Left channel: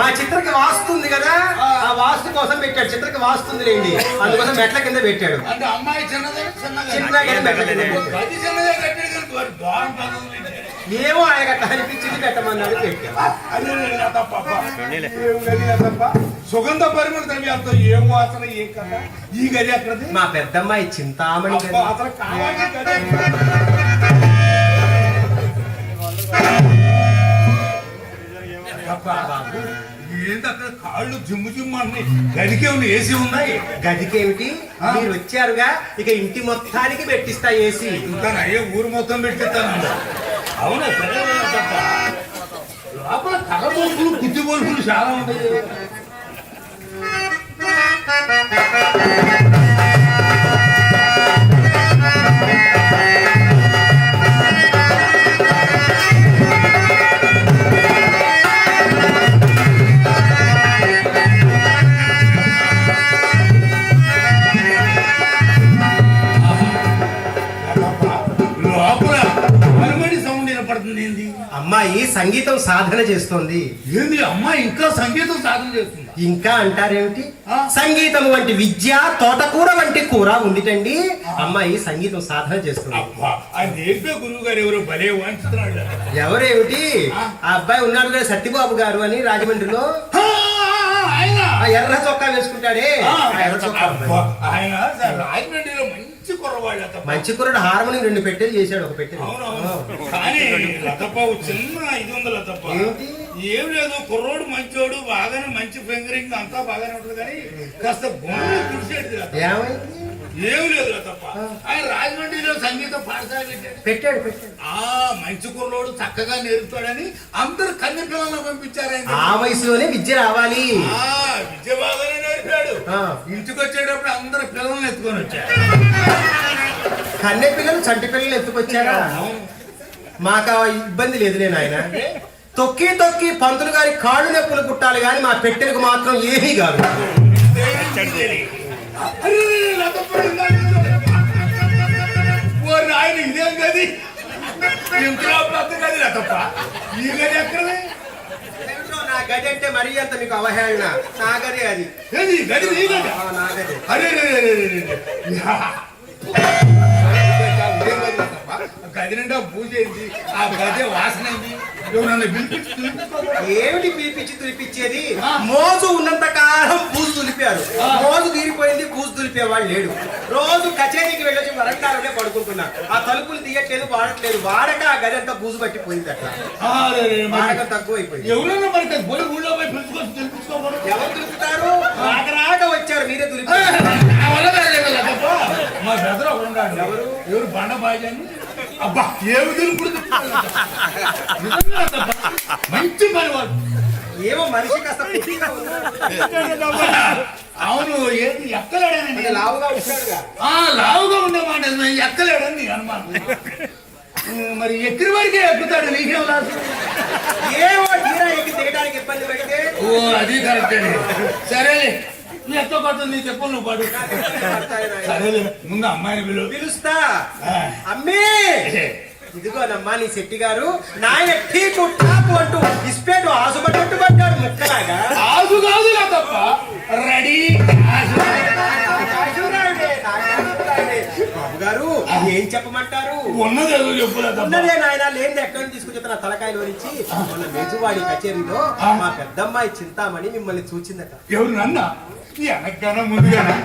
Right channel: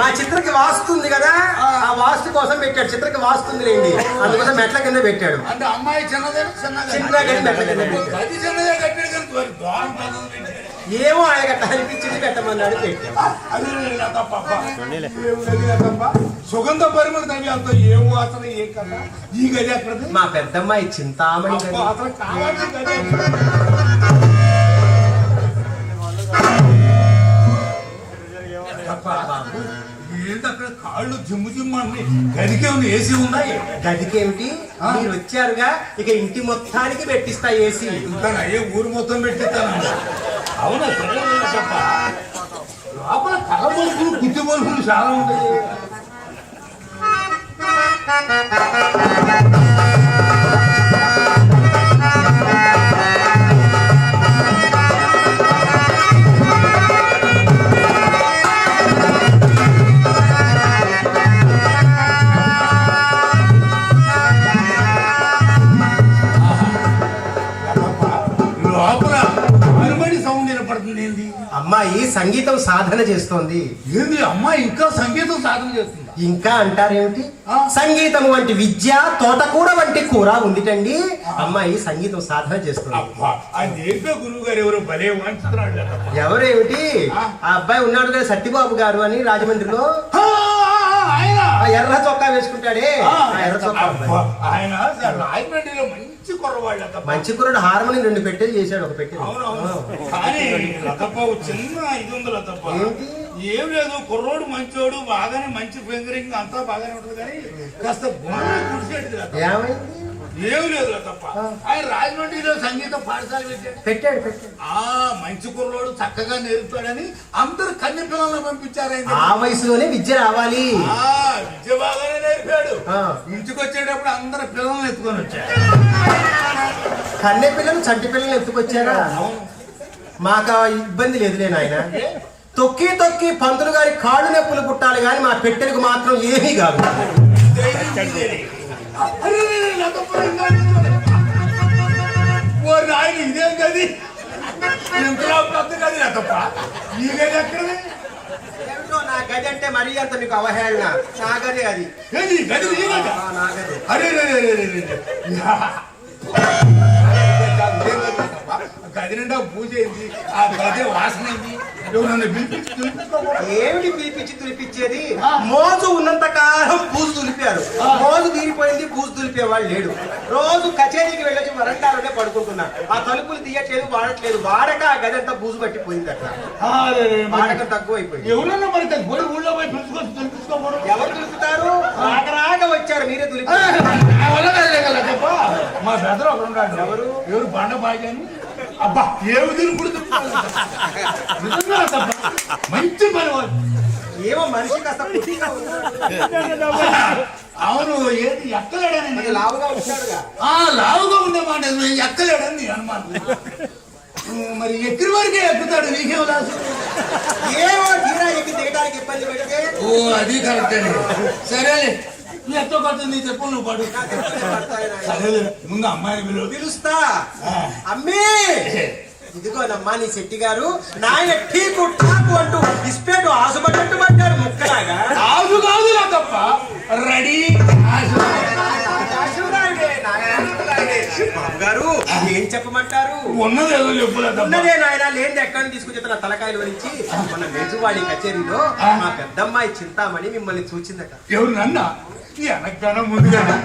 మా చిత్రకి వాస్తుంది కదా ఆ. వాస్తు కోసం పెట్టాడు. చిత్రకి వాస్తుంది లేండి అందుకోసం మెట్ల కింద పెట్టాడు. అంటే అమ్మాయి చిన్నదే చిన్నదే. మెట్ల అది చిన్నదే ఏమో సుగంధ పరిమళ ద్రవ్యాలతో ఏమో వాసన ఏ కథ? ఈ గది మా పెద్దమ్మాయి చింతామణి అసలు కాళ్ళు జిమ్ము జిమ్ము అన్ని? గదికే ఉంది ఏసీ ఉందా? గదికేమిటి? మీరు వచ్చారుగా ఇక ఇంటి మొత్తానికి పెట్టిస్తా ఏసీ. ఇంకా అయ్యే ఊరు మొత్తం పెట్టిస్తాను? అవునా తప్ప లోపల కలబోసులు చాలా ఉంటాయి సంగీతం సాధన చేస్తోంది. ఏంది అమ్మాయి ఇంకా సంగీతం సాధన చేస్తుందా? ఇంకా అంటారేమిటి? సంగీతం వంటి విద్య తోటకూర వంటి కూర ఉండిటండి. అమ్మాయి సంగీతం సాధన చేస్తుంది. గురువు గారు ఎవరో భలే ఎవరేమిటి? ఆ? అబ్బాయి ఉన్నాడు కదా సత్యబాబు గారు అని రాజమండ్రిలో. ఎర్ర చొక్కా వేసుకుంటాడే ఎర్ర చొక్కా. ఆయన రాజమండ్రిలో మంచి కుర్రవాళ్ళు అతప్ప. మంచి కుర్రుడు హార్మోని రెండు పెట్టెలు చేశాడు ఒక పెట్టె కానీ లతప్ప చిన్న ఇది ఉంది లతప్ప? ఏం లేదు కుర్రోడు మంచోడు బాగానే మంచి ఫింగరింగ్ అంతా బాగానే ఉంటుంది కానీ కాస్త గుణం కుడిసేది. ఏమైంది ఏం లేదు లతప్ప ఆయన రాజమండ్రిలో సంగీత పాఠశాల పెట్టాడు. ఆ మంచి కుర్రోడు చక్కగా నేర్పుతాడని అందరు కన్నె పిల్లలను పంపించారు ఆయన. ఆ వయసులోనే విద్య రావాలి. ఆ, విద్య బాగానే నేర్పాడు. ఇంటికి వచ్చేటప్పుడు అందరు పిల్లల్ని ఎత్తుకొని వచ్చారు. కన్నె పిల్లలు చంటి పిల్లలు ఎత్తుకొచ్చారా. మాకు ఆ ఇబ్బంది లేదులే నాయన తొక్కి తొక్కి పంతులు గారి కాళ్ళు నొప్పులు పుట్టాలి కానీ మా పెట్టెలకు మాత్రం ఏమీ కాదు. ఓ నాయన ఇదేం గది ఇంతలో పెద్ద గది లతప్ప ఈ గది. ఎక్కడది నా గది. అంటే మరీ అంత మీకు అవహేళన నా గది అది గది నా గది అరే గది నిండా పూజ అయింది. ఆ గది వాసన అయింది. ఎవరన్నా పిలిపించి. ఏమిటి పిలిపించి తులిపించేది? మోజు ఉన్నంత కాలం బూజు తులిపారు. మోజు తీరిపోయింది బూజు తులిపేవాడు లేడు. రోజు కచేరీకి వెళ్ళొచ్చి వరండాలోనే పడుకుంటున్నారు. ఆ తలుపులు తీయట్లేదు వాడట్లేదు. వాడక ఆ గది అంతా బూజు పట్టిపోయింది అట్లా. వాడకం ఎవరన్నా మరి ఇక్కడ పోయి ఊళ్ళో ఎవరు తులుపుతారు రాక రాక వచ్చారు మీరే ఆ, తులిపారు కాలేదు తప్ప మా బ్రదర్ ఒకడు ఉన్నాడు. ఎవరు? ఎవరు? బండ బాజీ అని అబ్బా ఏమి తిరుగుడు మంచి పని వాడు. ఏమో మనిషి కాస్త. అవును ఏది ఎక్కలేడని కొంచెం లావుగా ఉంటాడుగా. ఆ లావుగా ఉండేమాట ఎక్కలేడని అనుమానం ఉమ్, మరి ఎక్కడి వరకే ఎక్కుతాడు? నీకేం లాసు? ఏమో తీరా ఎక్కి దిగడానికి ఇబ్బంది పెడితే. ఓ అది కరెక్టే. సరేలే. నువ్వు కొట్టు నీ చెప్పు నువ్వు పడు. సరేలే ముందు అమ్మాయిని పిలువు. పిలుస్తా. అమ్మీ! ఇదిగోనమ్మా నీ శెట్టి గారు నాయన ఠీకు ఠాకు అంటూ ఇస్పేటు ఆసుపడ్డట్టు పడ్డాడు ముక్కలాగా. ఆసు కాదు నా తప్ప. రెడీ. ఆసు. బాబు గారు ఏం చెప్పమంటారు? ఉన్నది ఏదో ఉన్నదే నాయన లేని ఎక్కడి తీసుకొచ్చి నా తలకాయలు వలిచి మన మేజువాడి కచేరీలో మా పెద్దమ్మాయి చింతామణి మిమ్మల్ని చూచిందట. ఎవరు నన్న? వెనకగానే ముందుగానే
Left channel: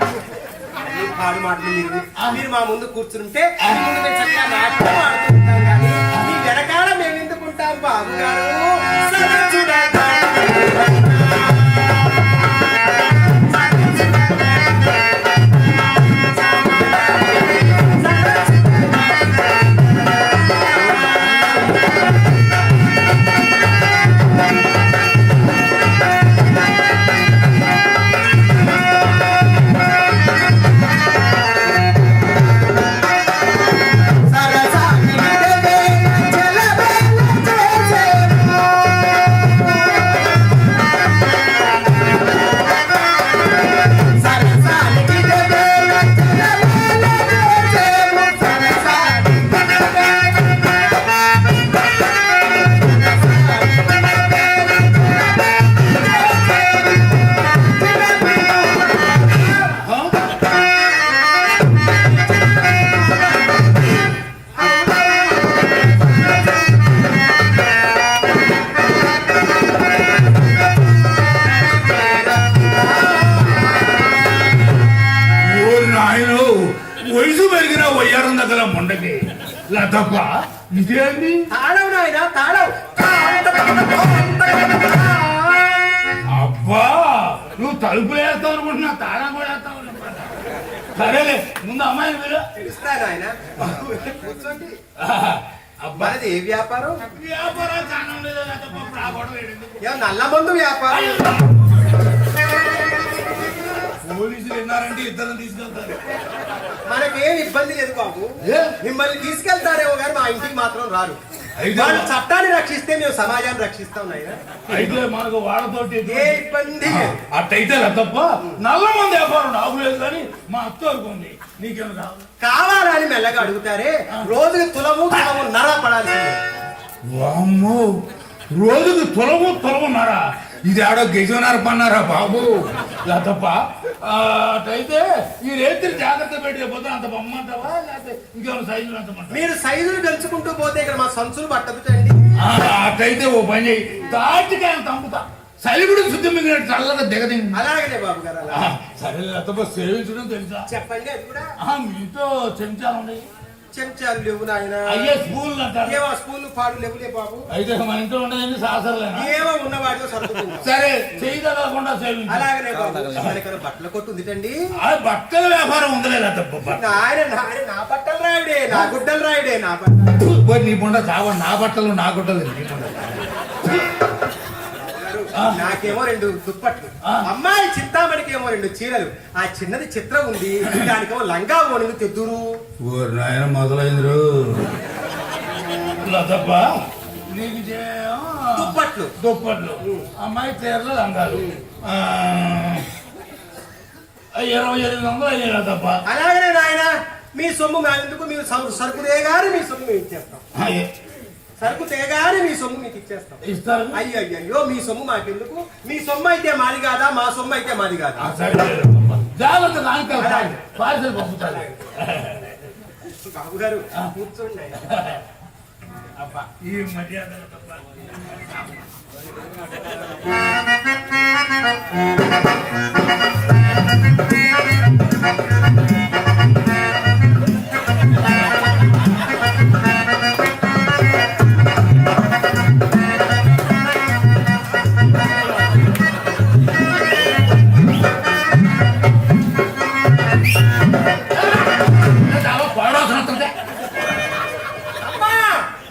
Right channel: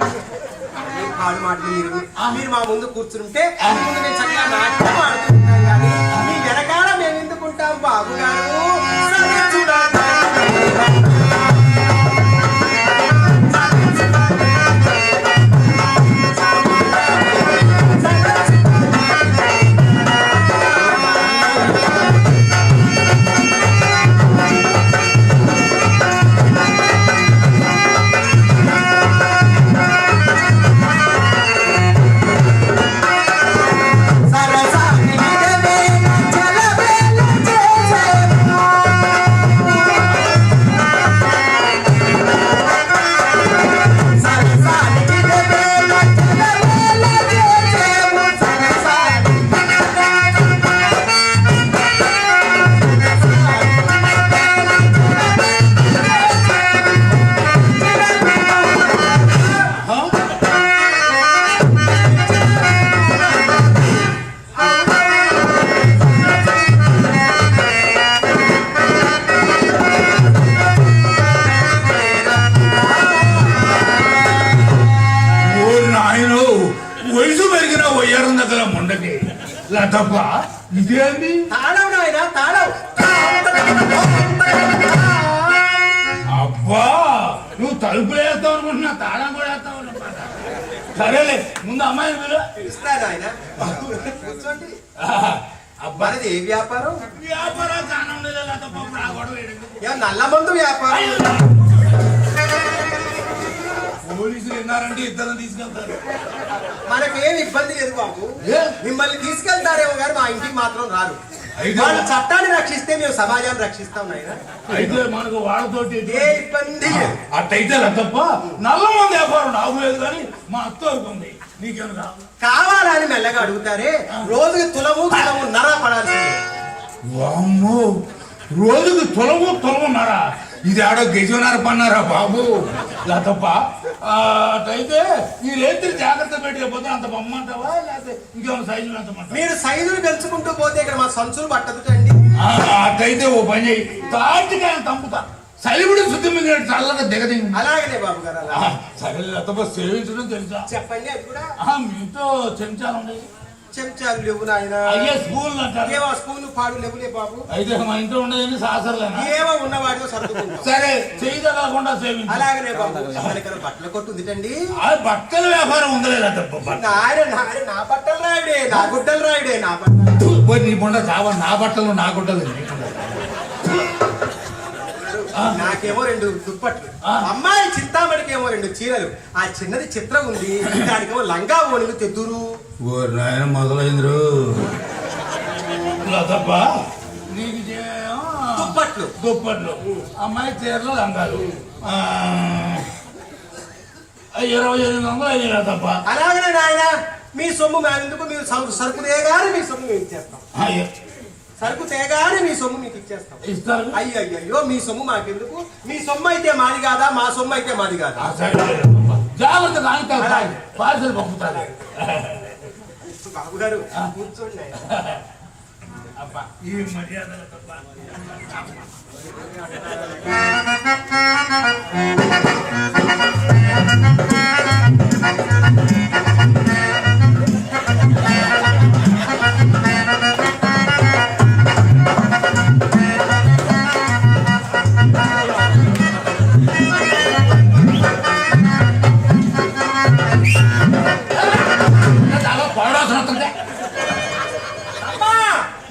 మీరు. మీరు మా ముందు కూర్చుంటే మీ ముందు మేము చక్కగా నాట్యం ఆడుతుంటాం కానీ మీ వెనకాల మేము ఎందుకుంటాం బాబు గారు? లతప్ప ఇదేంది తాళం నాయన తాళం. అబ్బా నువ్వు తలుపులు వేస్తావు అనుకుంటున్నా తాళం కూడా వేస్తావు సరేలే ముందు అమ్మాయిని పిలు. పిలుస్తాను ఆయన కూర్చోండి. అబ్బా. మనది ఏ వ్యాపారం? వ్యాపారం కానండి లతప్ప ఇప్పుడు ఆ గొడవ ఏంటి? ఏం నల్ల మందు వ్యాపారం? పోలీసులు విన్నారంటే ఇద్దరు తీసుకెళ్తారు. మనకేం ఇబ్బంది లేదు బాబు? మిమ్మల్ని తీసుకెళ్తారేమో కానీ మా ఇంటికి మాత్రం రారు. వాళ్ళు చట్టాన్ని రక్షిస్తే మేము సమాజాన్ని రక్షిస్తాం నాయన. అయితే మనకు వాళ్ళతోటి ఏ ఇబ్బంది. అట్టయితే తప్ప నల్ల మంది వ్యాపారం నాకు లేదు కానీ మా అత్త ఉంది. నీకేం కావాలి? కావాలని మెల్లగా అడుగుతారే. రోజుకి తులము తులము నర పడాల్సిందే. వామ్మో. రోజుకి తొలగు తొలగున్నారా ఇది ఆడో గెజునార పన్నారా బాబు? లేదప్ప అటైతే ఈ రేత్రి జాగ్రత్త పెట్టకపోతే అంత బొమ్మంటావా? లేకపోతే ఇంకేమైనా సైజులు ఎంతమంటావా మీరు సైజులు పెంచుకుంటూ పోతే ఇక్కడ మా సంచులు పట్టదుటండి అటైతే ఓ పని చేయి తాటికాయ తంపుతా. సలిగుడు శుద్ధి మిగిలిన చల్లగా దిగదింది. అలాగనే బాబు గారు. సరే లేదప్ప సేవించడం తెలుసా? చెప్పండి మీతో చెంచాలు ఉన్నాయి చెంచాలు లేవు నాయన. అయ్యే స్కూల్ ఏవో స్పూన్ పాడు లేవులే బాబు. అయితే మా ఇంట్లో ఉండేది సాసరలేనా ఏవో ఉన్నవాడిలో సర్దుకుంటాం సరే చేయి తగలకుండా సేవించు. అలాగనే బాబు. బట్టల కొట్టు ఉందిటండి ఆ బట్టల వ్యాపారం ఉందలే తప్ప నాయన నాయన నా బట్టలు రాయుడే నా గుడ్డలు రాయుడే నా బట్టలు. నీ బొండ చావ? నా బట్టలు నా నీకుండదు. నాకేమో రెండు దుప్పట్లు. ఆ. అమ్మాయి చింతామణికి ఏమో రెండు చీరలు. ఆ చిన్నది చిత్రం ఉంది. దానికేమో లంగా ఓణికి తెద్దురు. నాయన మొదలైందిరు. లతప్ప నీకు దుప్పట్లు. దుప్పట్లు. అమ్మాయి చీరలు లంగాలు. ఇరవై ఎనిమిది వందలు అయ్యాయి లతప్ప. అలాగనే నాయన మీ సొమ్ము మా ఎందుకు? మీరు సరు- సరుకు తేగానే మీ సొమ్ము మేము ఇచ్చేస్తాం. అయ్యే, సరుకు తేగానే మీ సొమ్ము మీకు ఇచ్చేస్తాం. ఇస్తారు. అయ్యో అయ్యో మీ సొమ్ము మాకెందుకు? మీ సొమ్ము అయితే మాది కాదా? మా సొమ్ము అయితే మాది కాదా? పార్సల్ పంపుతారు. బాబు గారు కూర్చోండి. ఈ మర్యాద. పాడవలసిన అమ్మా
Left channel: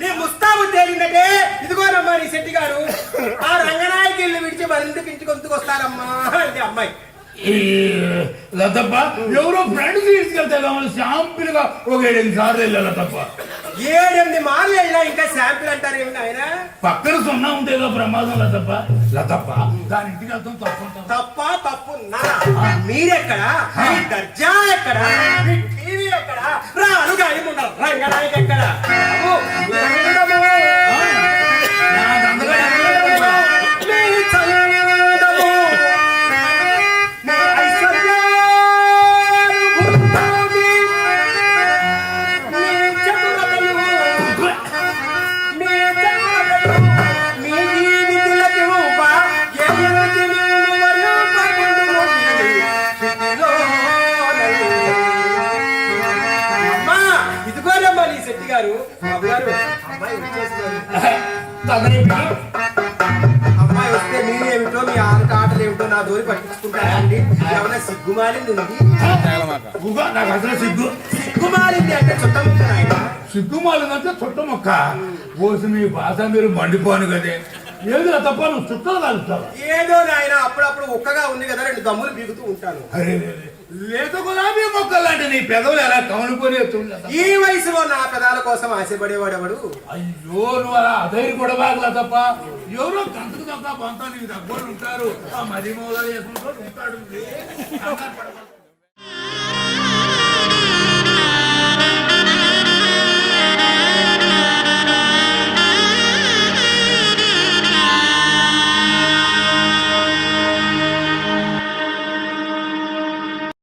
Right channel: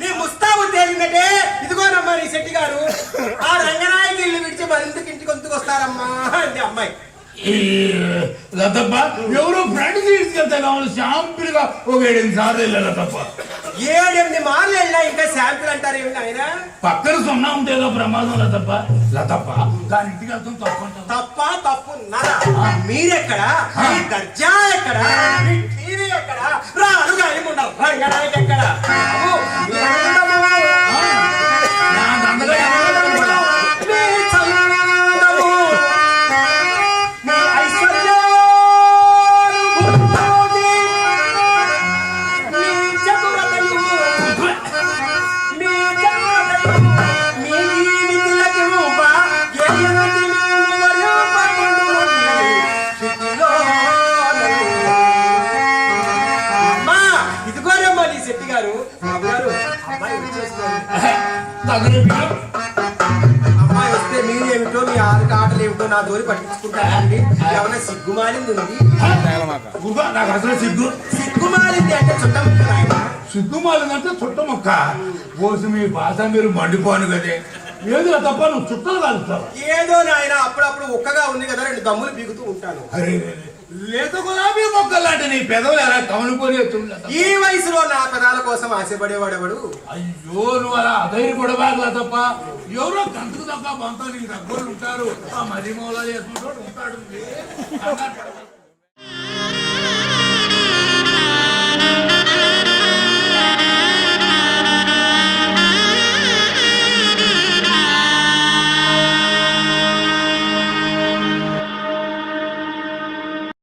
నీ ముస్తాబు తేలిందంటే ఇదిగోనమ్మా నీ శెట్టి గారు. ఆ రంగనాయకి ఇల్లు విడిచి మరింత ఇంటికి వంతుకు వస్తారమ్మా అంటే అమ్మాయి. ఈ లతప్ప ఎవరో ఫ్రెండ్ తీసుకెళ్తే కావాలి. శాంపుల్గా ఒక ఏడెనిమిది సార్లు వెళ్ళాలి తప్ప ఏడెనిమిది మార్లు వెళ్ళినా ఇంకా శాంపిల్ అంటారు ఏమి ఆయన పక్కన సున్నా ఉంటే ఏదో ప్రమాదం లతప్ప. లతప్ప దాని ఇంటికి తప్పంటావా తప్ప తప్పు నరా మీరెక్కడ? మీ దర్జా ఎక్కడ? మీ టీవీ ఎక్కడ? రాను గాని ఉండరు ఎక్కడ? అమ్మాయి వస్తే మీరేమిటో మీ ఆరు ఆటలు ఏమిటో నా దోరి పట్టించుకుంటారండి ఏమైనా సిగ్గుమాలింది ఉంది ఉవ్వ, నాకు అసలు సిగ్గు సిగ్గుమాలింది అంటే చుట్టముక్క నాయన సిగ్గు మాలిందంటే చుట్ట మొక్క పోసి మీ భాష మీరు మండిపోను కదే ఏది తప్ప నువ్వు చుక్కలు కాలుస్తావు ఏదో నాయన అప్పుడప్పుడు ఒక్కగా ఉంది కదా రెండు దమ్ములు బిగుతూ ఉంటాను. అరే. లేత గులాబీ మొక్కలు లాంటి నీ పెదవులు ఎలా కమలుకొని ఈ వయసులో నా పెదాల కోసం ఆశపడేవాడెవడు? అయ్యో నువ్వు అలా అధైర్య పడవాగలా తప్ప ఎవరో గంటకు తప్ప నీకు దగ్గర ఉంటారు. ఆ మది మూల చేసుకుంటూ ఉంటాడు.